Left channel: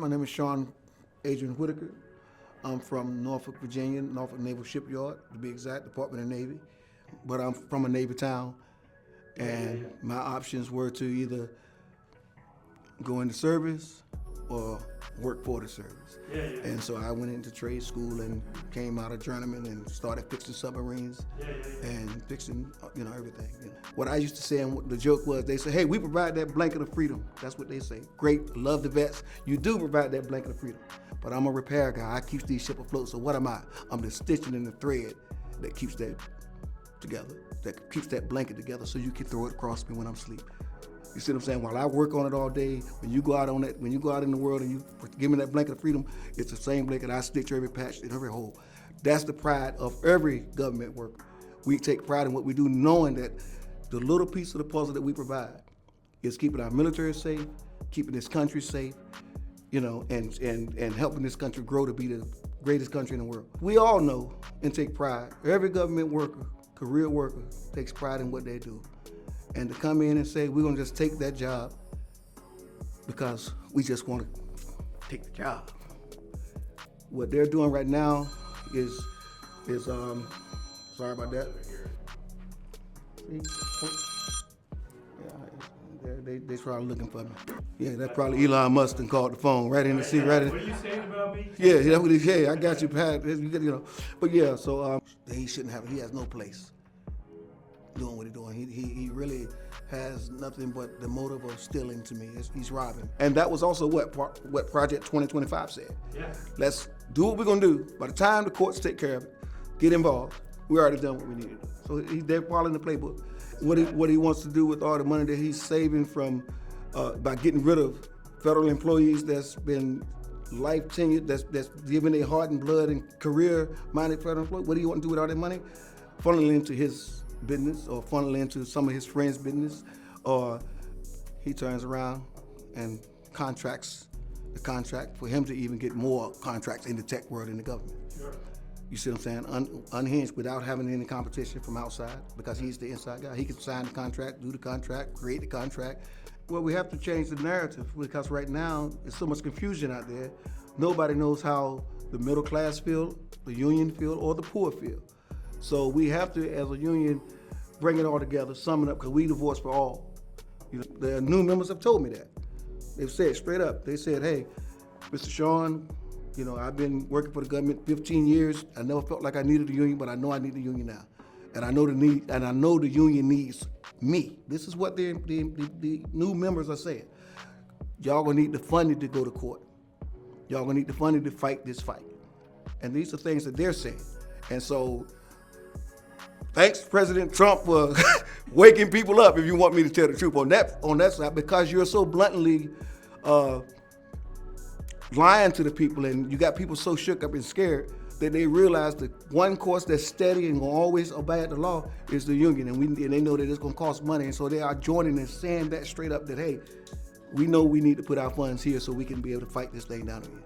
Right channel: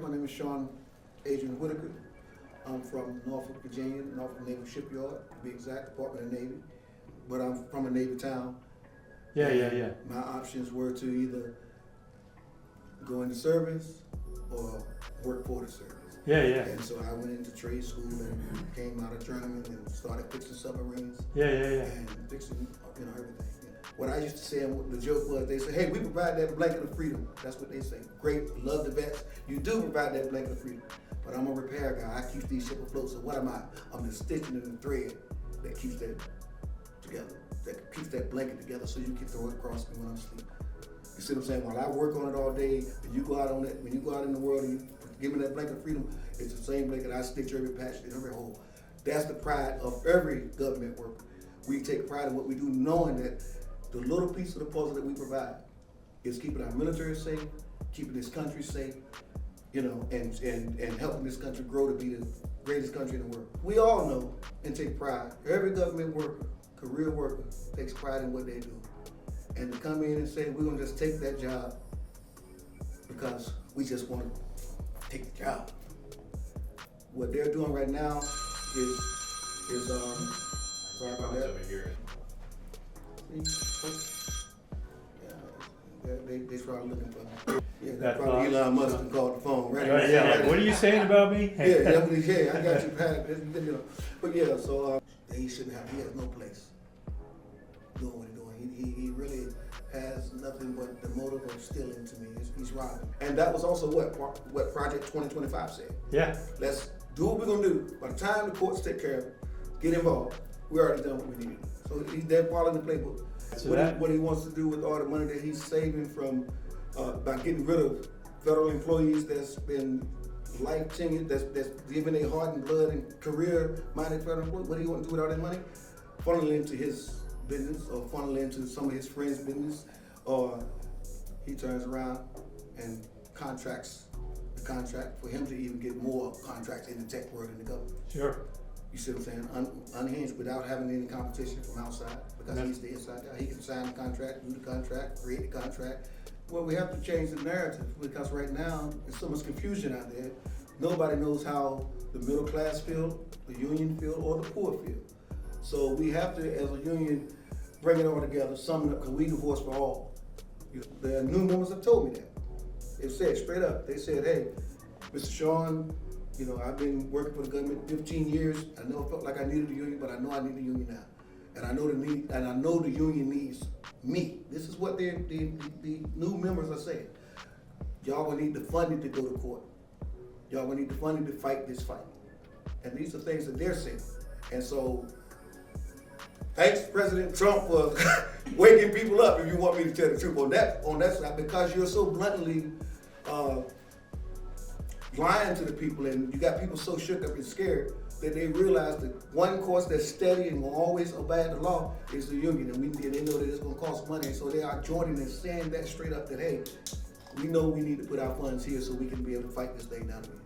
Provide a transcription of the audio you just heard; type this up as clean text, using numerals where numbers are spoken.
My name is Shawn Whitaker. I'm from Norfolk, Virginia, Norfolk Naval Shipyard, to be exact, Department of Navy. But I'm from a Navy town. Yeah. My options were to either go into service or work for the service. Yeah. And so I went into trade school and came out of journeyman and started fixing submarines. Yeah. And fixing, everything. What I used to say, and what the joke was, they say, hey, we provide that blanket of freedom. That's what they say. Great, love the vets. You do provide that blanket of freedom. But I'm a repair guy. I keep these ships afloat. So what am I? I'm the stitching in the thread that keeps that together, that keeps that blanket together so you can throw it across me when I'm asleep. You see what I'm saying? While I work on it all day, when you go out on it, when you go out in the world and you give me that blanket of freedom, it's the same blanket I stitch every patch and every hole. That's the pride of every government worker. We take pride in what we do, knowing that the little piece of the puzzle that we provide is keeping our military safe, keeping this country safe, and helping this country grow to be the greatest country in the world. We all know and take pride. Every government worker, career worker, takes pride in what they do. And to come in and say, we're gonna just take that job because we just wanna take the job. What they're doing right now is sorry about that. They probably looking for me. Yeah, that's probably Elon Musk and called the phone right in the seat. Right. What are you saying about me? Yeah, I got you, Pat. But yeah, so he shouldn't have. He has no place doing what he's doing. He really has nothing but the motive of stealing to me. He's robbing, and that was also what Project 2025 said. Yeah. Let's do what we're gonna do. By the time the courts take care of it, get involved, we already done what we needed. So they're following the playbook. What he wants to do with all the money that he's saving from by getting rid of federal employees that's been life tenured, that's giving their heart and blood and career-minded federal employees. What do you want to do with all that money? Funnel it into his business, or funnel it into some of his friends' business, or he turns around and contracts the contract for him to even get more contracts in the tech world and the government. Sure. You see what I'm saying? Unhinged without having any competition from outside, because he's the inside guy. He can sign the contract, do the contract, create the contract. Well, we have to change the narrative, because right now there's so much confusion out there. Nobody knows how the middle class feel, the union feel, or the poor feel. So we have to, as a union, bring it all together, sum it up, because we the voice for all. The new members have told me that. They've said straight up, they said, hey, Mr. Shawn, I've been working for the government 15 years. I never felt like I needed a union, but I know I need a union now. And I know the union needs me. This is what the new members are saying. Y'all gonna need the funding to go to court. Y'all gonna need the funding to fight this fight. And these are things that they're saying. And so, thanks President Trump for waking people up, if you want me to tell the truth on that side, because you're so bluntly lying to the people, and you got people so shook up and scared that they realize that one course that's steady and will always obey the law is the union, and they know that it's going to cost money, and so they are joining and saying that straight up that, hey, we know we need to put our funds here so we can be able to fight this thing down again.